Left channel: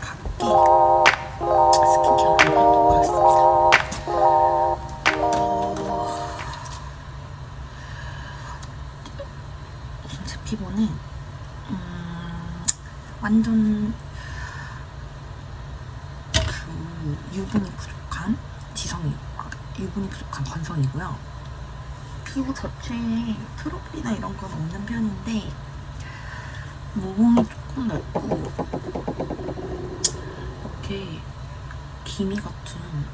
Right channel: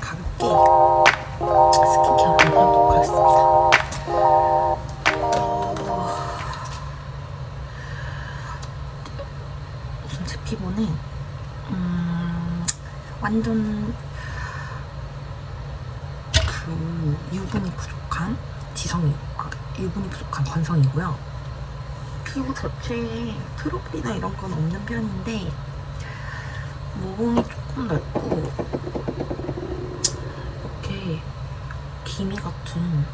가볍게 스킨케어 해보도록 하겠습니다. 우선 제 피부는 완전 유분이 부족한 유분이 부족한 건성이고요. 피부 자체에 트러블이나 이런 건 없는 편인데 모공이 조금 넓고 이렇게 기미 같은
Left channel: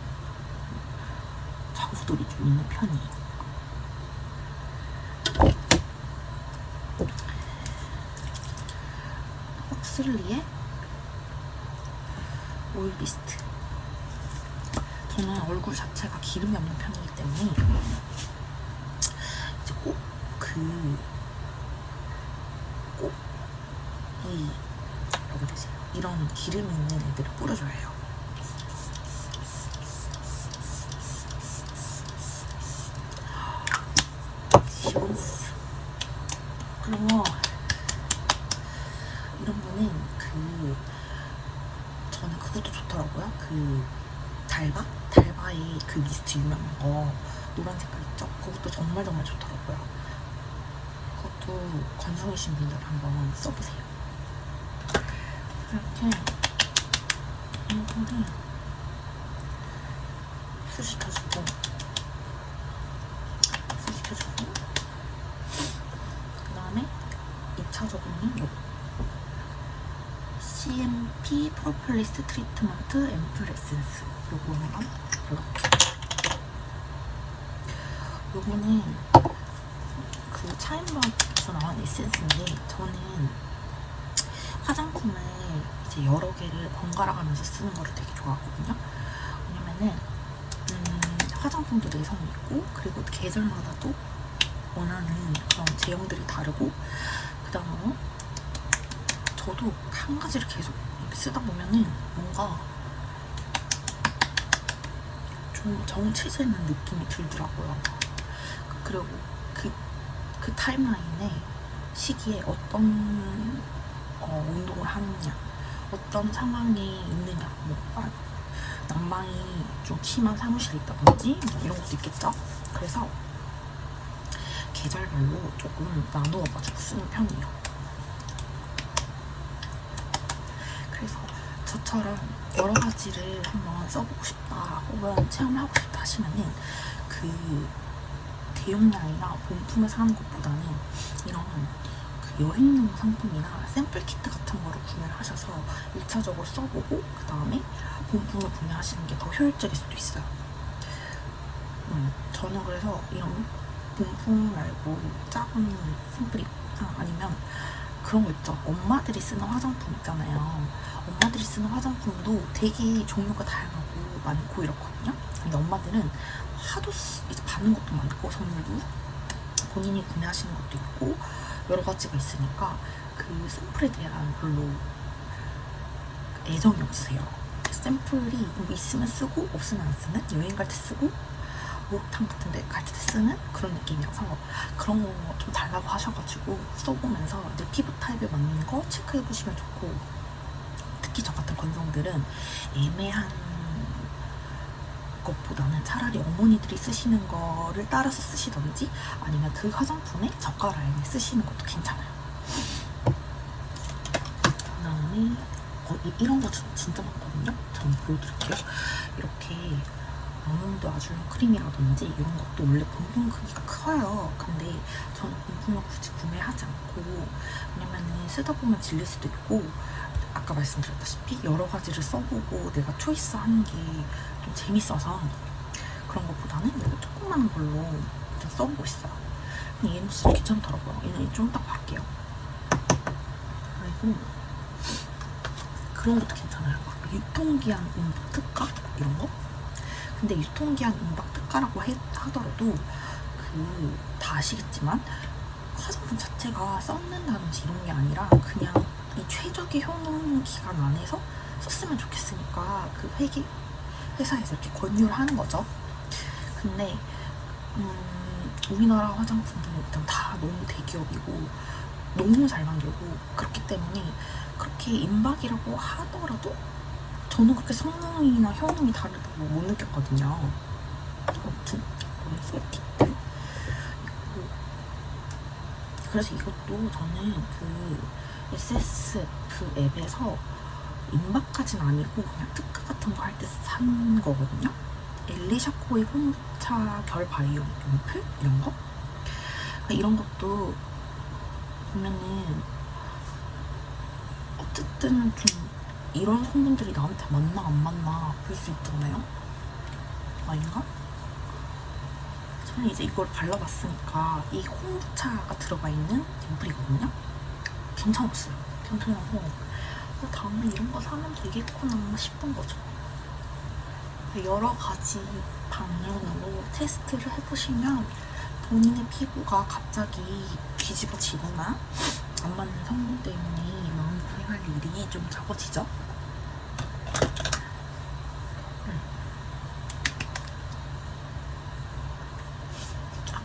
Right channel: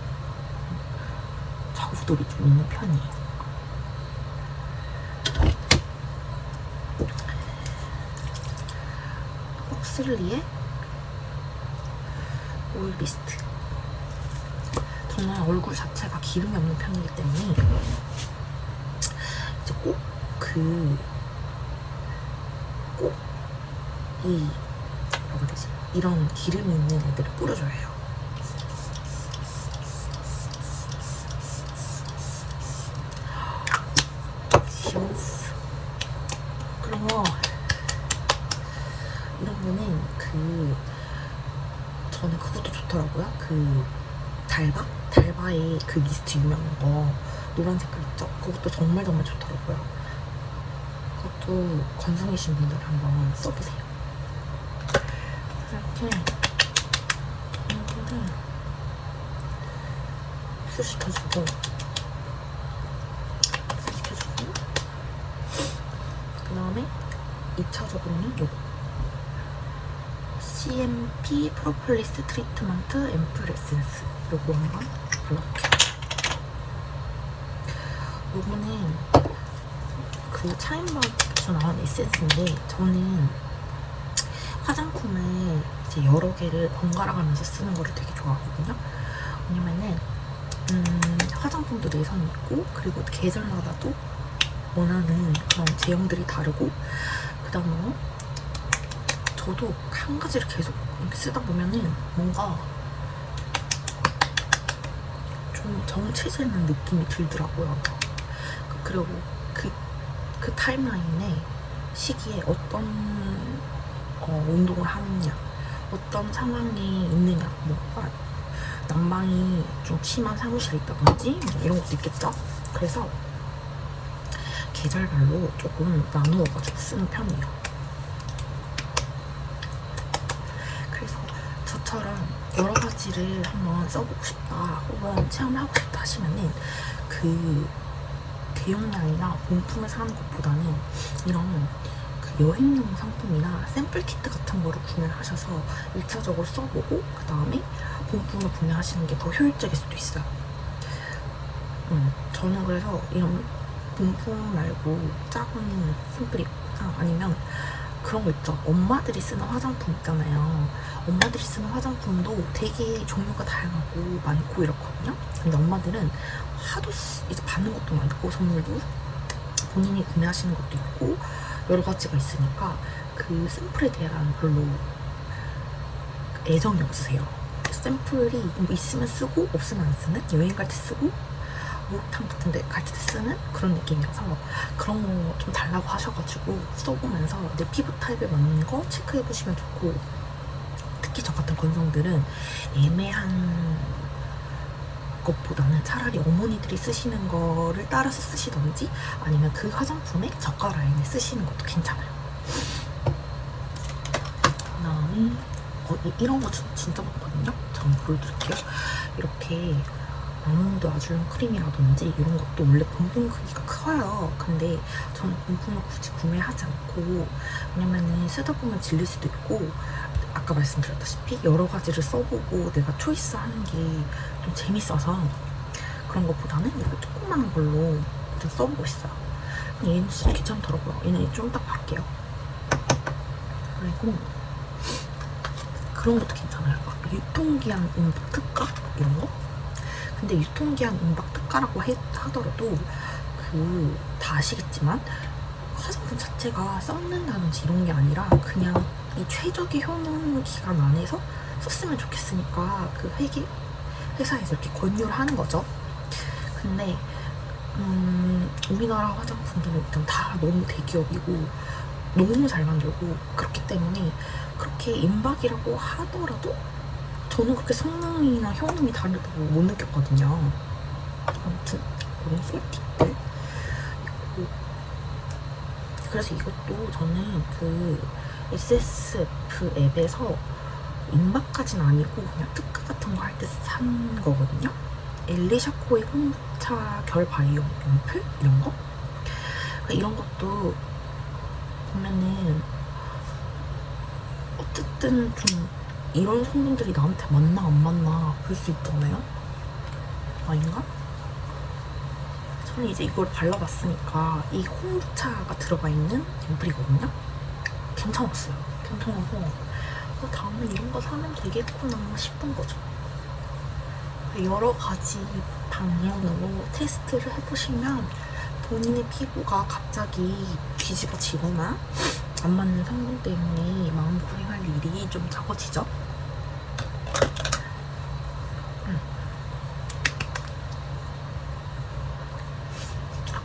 자국들이 좀 있는 편이에요. 헉슬리의 오일 미스트. 저는 얼굴 자체가 기름이 없는 편이기 때문에 이제 꼭 뭐라고 해야 되지? 이런 기름이 있는 애들을 뿌려줘야 해요. 시원스. 그리고 이런 거는 저는 그것도 좋더라고요. 달바의 그 미스트 유명한 거 노란 색깔 있죠? 그것도 정말 좋더라고요. 그것도 건성이신 분들 한번 써보세요. 이렇게 이거를 흡수시켜주고 그 다음에 2차적으로는 요거 CMP 프로폴리스 트리트먼트 앰플 에센스 요거 한번 골라볼게요. 요거는 그 차인바에서 나온 에센스인데 저는 화장품을 이제 여러 개를 번갈아 가면서 쓰는 거를 되게 좋아하거든요. 왜냐면은 화장품도 내성이 있고 그리고 계절마다도 원하는 그런 제형들이 다르고 그 다음에 저도 한 가지를 계속 이렇게 쓰다 보면은 뭔가 좀 정체되는 느낌이 들더라고요. 그리고 그 타임라인에 시기에 어떤 운동을 하느냐, 어떤 상황이 있느냐, 난방이 좀 심한 사무실에 있다든지 이런 것도 있겠죠. 그래서 계절별로 조금 나누어가지고 쓰는 편이에요. 그래서 저처럼 여러 가지를 한번 써보고 싶다 혹은 체험하고 싶다 하시면은 대용량이나 본품을 사는 것보다는 이런 여행용 상품이나 샘플 키트 같은 거를 구매를 하셔서 1차적으로 써보고 그 다음에 본품을 구매하시는 게 더 효율적일 수도 있어요. 저는 그래서 이런 본품 말고 작은 샘플이 아니면 그런 거 있죠. 엄마들이 쓰는 화장품 있잖아요. 엄마들이 쓰는 화장품도 되게 종류가 다양하고 많고 이렇거든요. 근데 엄마들은 하도 이제 받는 것도 많고 선물도 본인이 구매하시는 것도 있고 여러 가지가 있으니까 그 샘플에 대한 별로 애정이 없으세요. 샘플이 있으면 쓰고 없으면 안 쓰는, 여행 갈 때 쓰고 목욕탕 같은 데 갈 때 쓰는 그런 느낌이라서 그런 거 좀 달라고 하셔가지고 써보면서 내 피부 타입에 맞는 거 체크해보시면 좋고, 특히 저 같은 건성들은 애매한 것보다는 차라리 어머니들이 쓰시는 거를 따라서 쓰시던지 아니면 그 화장품에 저가 라인을 쓰시는 것도 괜찮아요. 그 다음에 이런 거 진짜 많거든요. 저는 보여드릴게요. 이렇게 아몬드 아줄림 크림이라든지 이런 것도 원래 본품 크기가 커요. 근데 저는 본품을 굳이 구매하지 않고, 왜냐면은 쓰다 보면 질릴 수도 있고 아까 말씀드렸다시피 여러 가지를 써보고 내가 초이스하는 게 좀 재밌어서 그런 것보다는 이렇게 조그마한 걸로 일단 써보고 있어요. 얘는 진짜 괜찮더라고요. 얘는 좀 이따 할게요. 그리고 그런 것도 괜찮아요. 유통기한 임박 특가? 이런 거? 근데 유통기한 임박 특가라고 하더라도 다 아시겠지만 화장품 자체가 썩는다든지 이런 게 아니라 그냥 이 최적의 효능 기간 안에서 썼으면 좋겠으니까 그 회사에서 이렇게 권유를 하는 거죠. 근데 우리나라 화장품들은 일단 다 너무 대기업이고 너무 잘 만들고 그렇기 때문에 그렇게 그렇게 임박이라고 하더라도 저는 그렇게 성능이나 효능이 다르다고 못 느꼈거든요. 아무튼 그런 꿀팁들 있고, 그래서 이것도 저는 그 SSF 앱에서 임박까지는 아니고 그냥 특가 같은 거 할 때 산 거거든요. 엘리샤코의 홍차 결 바이오 연필 이런 거. 그러니까 이런 것도 보면은 어쨌든 좀 이런 성분들이 나한테 맞나 안 맞나 볼 수 있잖아요. 아닌가? 저는 이제 이걸 발라봤으니까 이 홍부차가 들어가 있는 연필이거든요. 괜찮았어요. 괜찮아서 다음에 이런 거 사면 되겠구나 싶은 거죠. 여러 가지 방면으로 테스트를 해보시면 본인의 피부가 갑자기 뒤집어지거나 안 맞는 성분 때문에 마음고생할 일이 좀 적어지죠.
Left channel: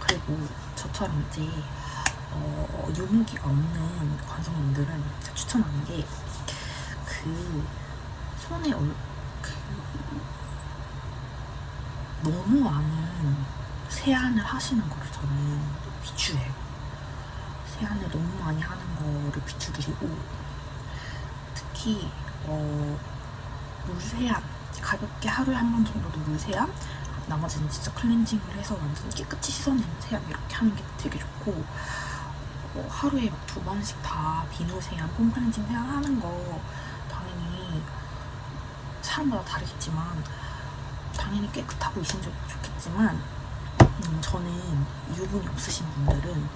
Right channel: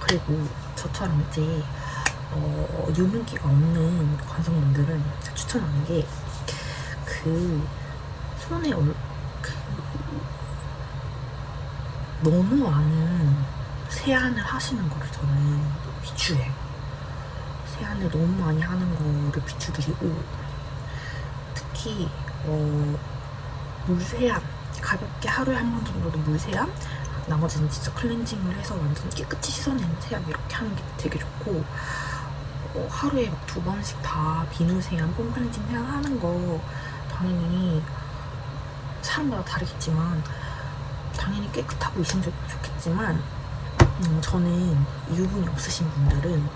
그리고 저처럼 이제 유분기가 없는 관성분들은 추천하는 게 그 손에 너무 많은 세안을 하시는 거를 저는 비추해요. 세안을 너무 많이 하는 거를 비추드리고, 특히 물세안, 가볍게 하루에 한 번 정도도 물세안, 나머지는 진짜 클렌징을 해서 완전 깨끗이 씻어내는 세안 이렇게 하는 게 되게 좋고, 하루에 막 2번씩 다 비누 세안, 폼 클렌징 세안 하는 거 당연히 사람마다 다르겠지만 당연히 깨끗하고 이성적이고 좋겠지만, 저는 유분이 없으신 분들은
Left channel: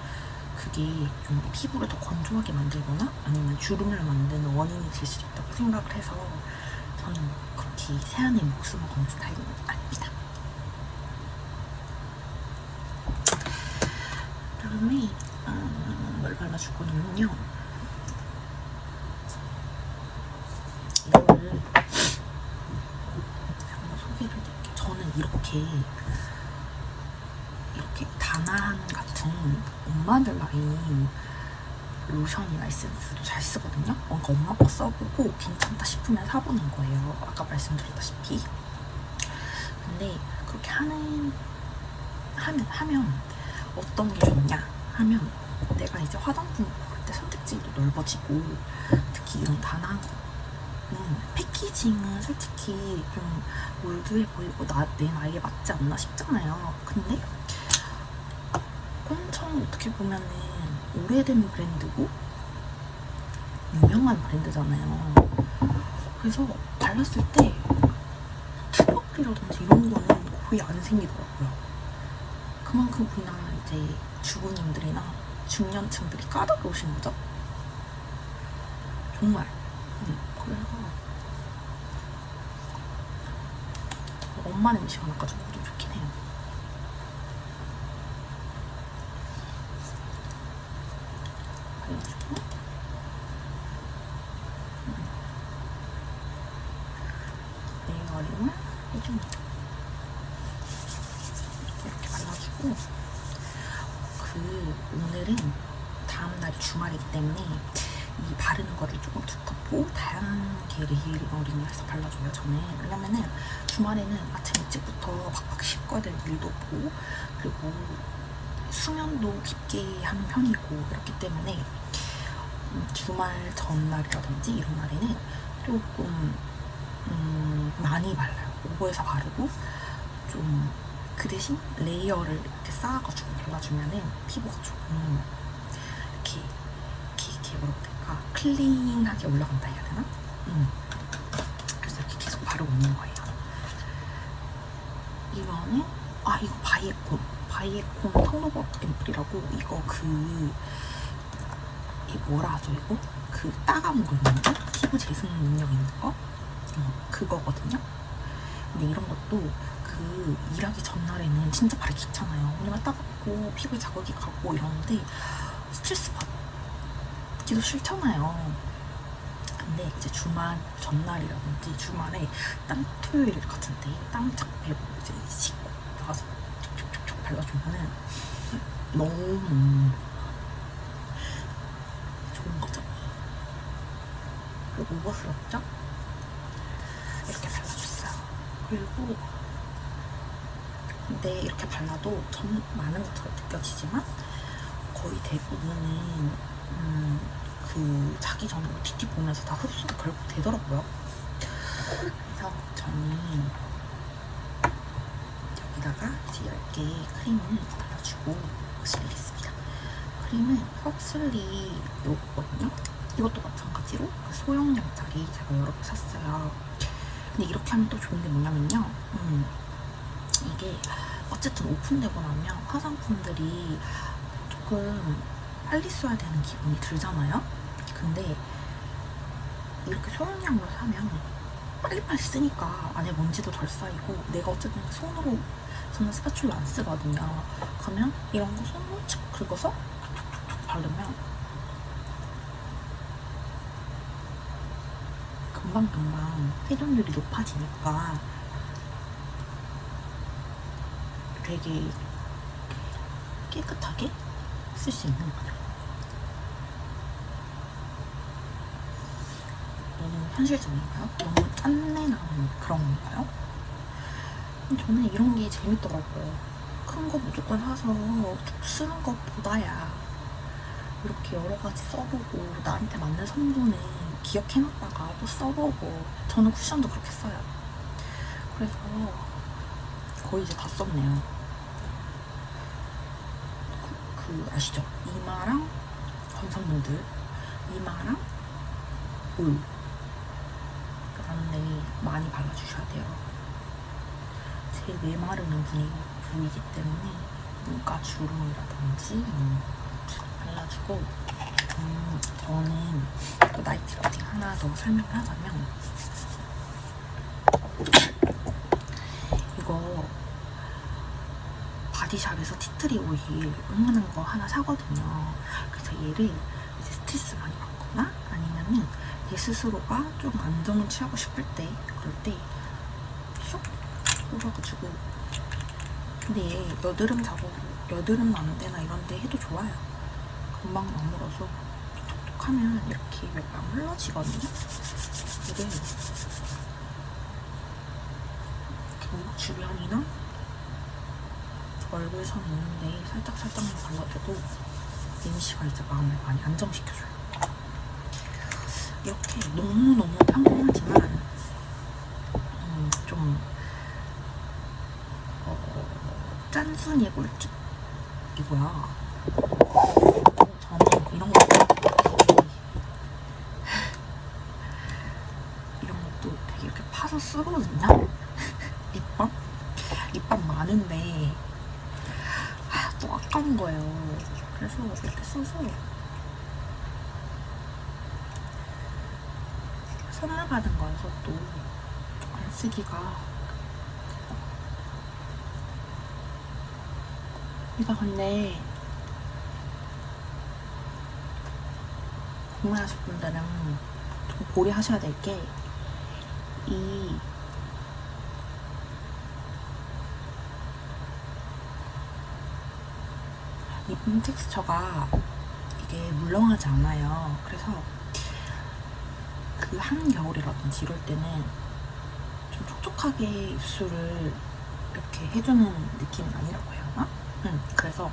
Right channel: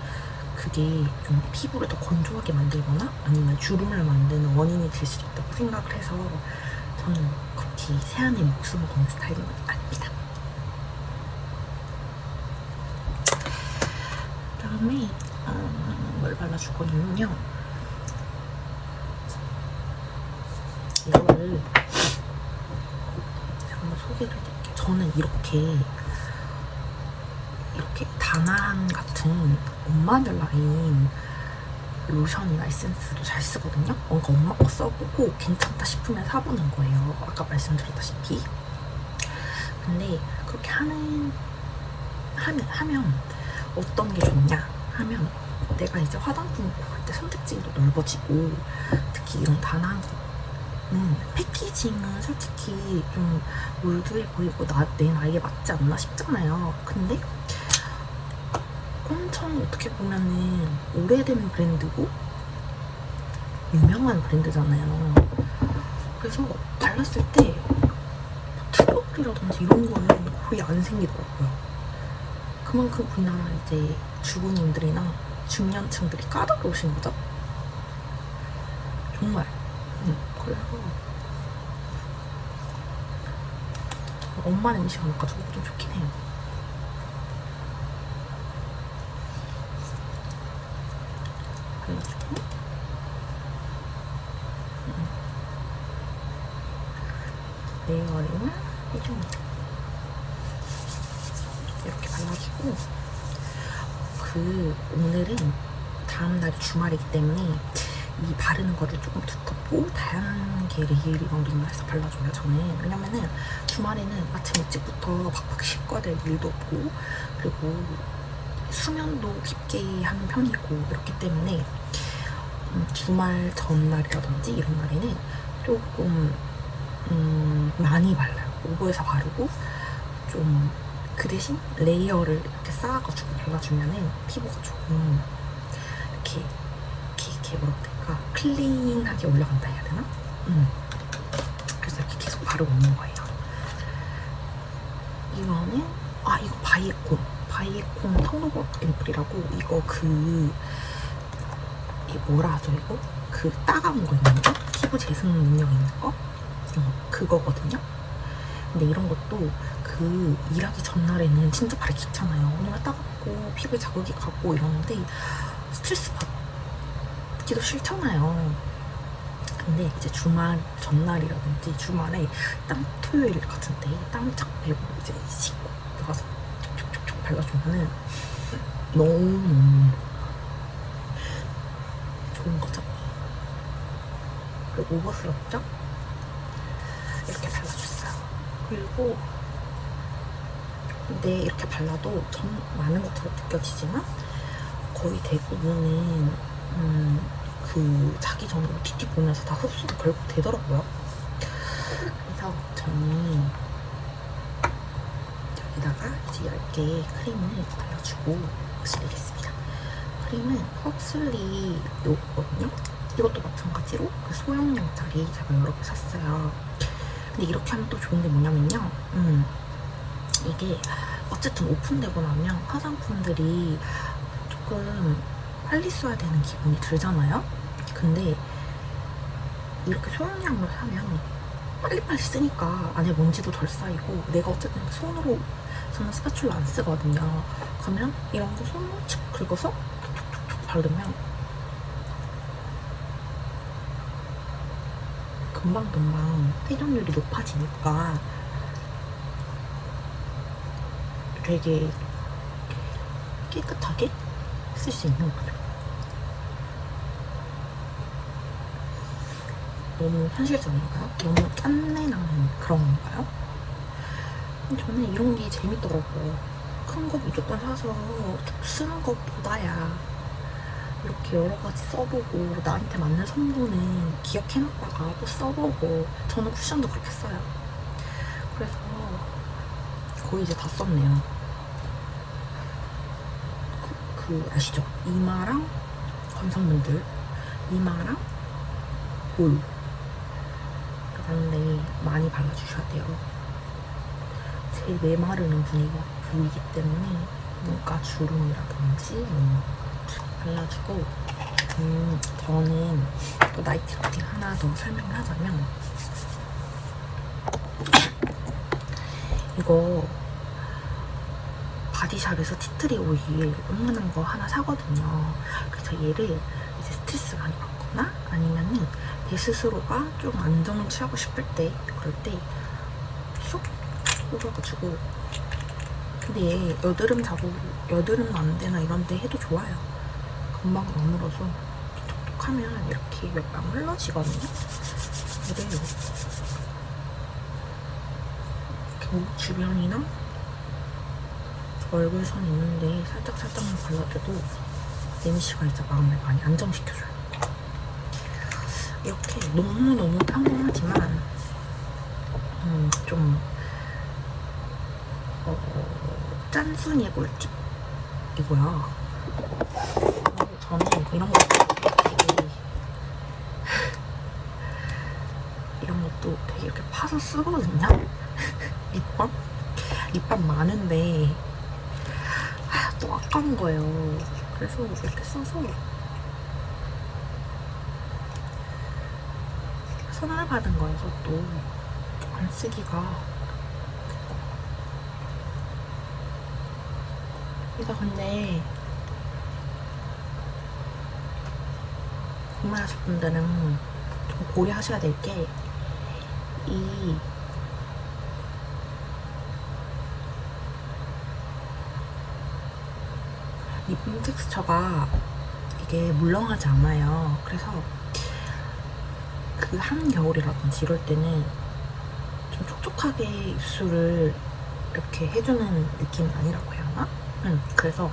그게 좀 피부를 더 건조하게 만들거나 아니면 주름을 만드는 원인이 될 수 있다고 생각을 해서 저는 그렇게 세안에 목숨을 거는 스타일은 아닙니다. 그다음에 뭘 발라줄 거냐면요, 이거를 한번 소개를 해드릴게요. 저는 이렇게 다나한 같은 엄마들 라인 로션이나 에센스도 잘 쓰거든요. 그러니까 엄마 거 써보고 괜찮다 싶으면 사보는 거예요. 아까 말씀드렸다시피. 근데 그렇게 하면 어떤 게 좋냐 하면, 내가 이제 화장품을 고를 때 선택지도 넓어지고, 특히 이런 다나한 패키징은 솔직히 좀 올드해 보이고 내 나이에 맞지 않나 싶잖아요. 근데 엄청 어떻게 보면은 오래된 브랜드고 유명한 브랜드잖아요. 그래서 발랐을 때 트러블이라든지 이런 거는 거의 안 생기더라고요. 그만큼 우리나라 이제 주부님들이나 중년층들이 까다로우신 거죠. 정말. 그래서 엄마 냄새가 나가지고 좀 좋긴 해요. 그래가지고 레이어링을 해주면 이렇게 발라주고, 오늘은 다음날이 주말이기 때문에 이 바르는 거를 조금 두텁고 다양하게 레이어링을 해서 발라줘요, 저는. 왜냐면은 주말에는 아침 일찍부터 박박 씻어야 될 일도 없고, 그리고 수면도 깊게 하는 편이고, 그렇기 때문에 주말 전날이라든지 이런 날에는 조금 많이 발라요. 오버해서 바르고, 좀 그 대신 레이어를 이렇게 쌓아가지고 발라주면은 피부가 조금 이렇게 뭐라고 될까, 클린하게 올라간다 해야 되나? 그래서 이렇게 계속 바르고 있는 거예요. 이거는 이거 바이에콘 텀블벅 앰플이라고, 이거 뭐라 하죠, 이거? 그 따가운 거 있는 거? 피부 재생 능력 있는 거? 그거거든요. 근데 이런 것도 일하기 전날에는 진짜 바르기 귀찮아요. 왜냐면 따갑고 피부에 자극이 가고 이러는데 스트레스 받기도 싫잖아요. 근데 이제 주말 전날이라든지 주말에 토요일 같은데 땀 쫙 빼고 이제 씻고 나가서 촉촉촉 발라주면은 너무 좋은 거죠. 그리고 오버스럽죠? 이렇게 발라줬어요. 그리고 근데 이렇게 발라도 전 많은 것처럼 느껴지지만 거의 대부분은 그 자기 전에 OTT 보면서 다 흡수가 결국 되더라고요. 그래서 저는 여기다가 이제 얇게 크림을 발라주고 흡수되겠습니다. 크림은 헉슬리 요거거든요. 이것도 마찬가지로 그 소형량짜리 제가 여러 개 샀어요. 근데 이렇게 하면 또 좋은 게 뭐냐면요. 이게 어쨌든 오픈되고 나면 화장품들이 조금 빨리 써야 되는 기분이 들잖아요. 근데 이렇게 소형량으로 사면 빨리빨리 쓰니까 안에 먼지도 덜 쌓이고, 내가 어쨌든 손으로 저는 스파츌라 안 쓰거든요. 그러면 이런 거 손으로 칙 긁어서 툭툭툭 바르면 금방금방 회전율이 높아지니까 되게 깨끗하게 쓸 수 있는 거죠. 너무 현실적인가요? 너무 짠내 나는 그런 건가요? 저는 이런 게 재밌더라고요. 큰 거 무조건 사서 쓰는 것보다야 이렇게 여러 가지 써보고 나한테 맞는 성분은 기억해놨다가 또 써보고, 저는 쿠션도 그렇게 써요. 그래서 거의 이제 다 썼네요. 그 아시죠? 이마랑 남성분들 이마랑 볼 그런데 많이 발라주셔야 돼요. 제일 메마르는 부위이기 때문에 눈가 주름이라든지 발라주고, 저는 또 나이트 루틴 하나 더 설명을 하자면, 이거 바디샵에서 티트리 오일 응원한 거 하나 사거든요. 그래서 얘를 이제 스트레스 많이 받거나 아니면은 내 스스로가 좀 안정을 취하고 싶을 때, 그럴 때 쏙 뽑아가지고, 근데 얘 여드름 안 되나 이런 데 해도 좋아요. 금방 아물어서 톡톡하면 이렇게 몇 방 흘러지거든요. 얘를 이렇게 목 주변이나 얼굴선 있는데 살짝살짝만 발라줘도 이니시가 이제 마음을 많이 안정시켜줘요. 이렇게 너무너무 평범하지만 좀 짠순이의 꿀팁이고요. 저는 이런 것도 되게 이렇게 파서 쓰거든요. 립밤 많은데 또 아까운 거예요. 그래서 이렇게 써서 선물 받은 거여서 또 안 쓰기가. 이거 근데 구매하실 분들은 좀 고려하셔야 될 게, 이 립 텍스처가 이게 물렁하지 않아요. 그래서 그 한겨울이라든지 이럴 때는 좀 촉촉하게 입술을 이렇게 해주는 느낌이 아니라고 해야 하나? 그래서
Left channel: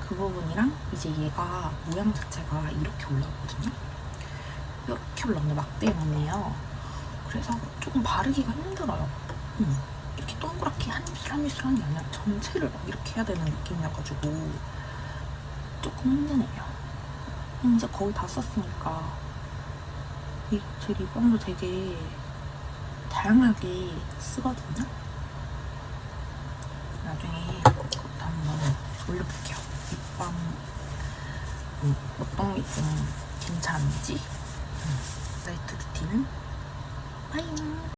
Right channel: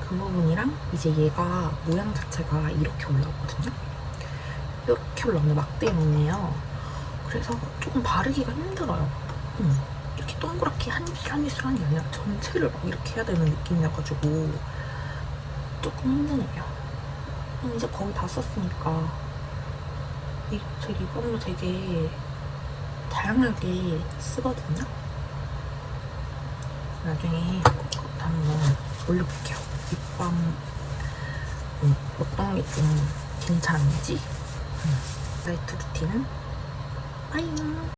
그 부분이랑 이제 얘가 모양 자체가 이렇게 올라오거든요. 이렇게 올라오는 막대모네요. 그래서 조금 바르기가 힘들어요. 이렇게 동그랗게 한 입술 한 입술 한게 아니라 전체를 막 이렇게 해야 되는 느낌이어가지고 조금 힘드네요. 이제 거의 다 썼으니까 제 립밤도 되게 다양하게 쓰거든요. 나중에 그것도 한번 올려볼게요. 립밤 어떤 게 좀 괜찮은지. 나이트 루틴은 빠잉.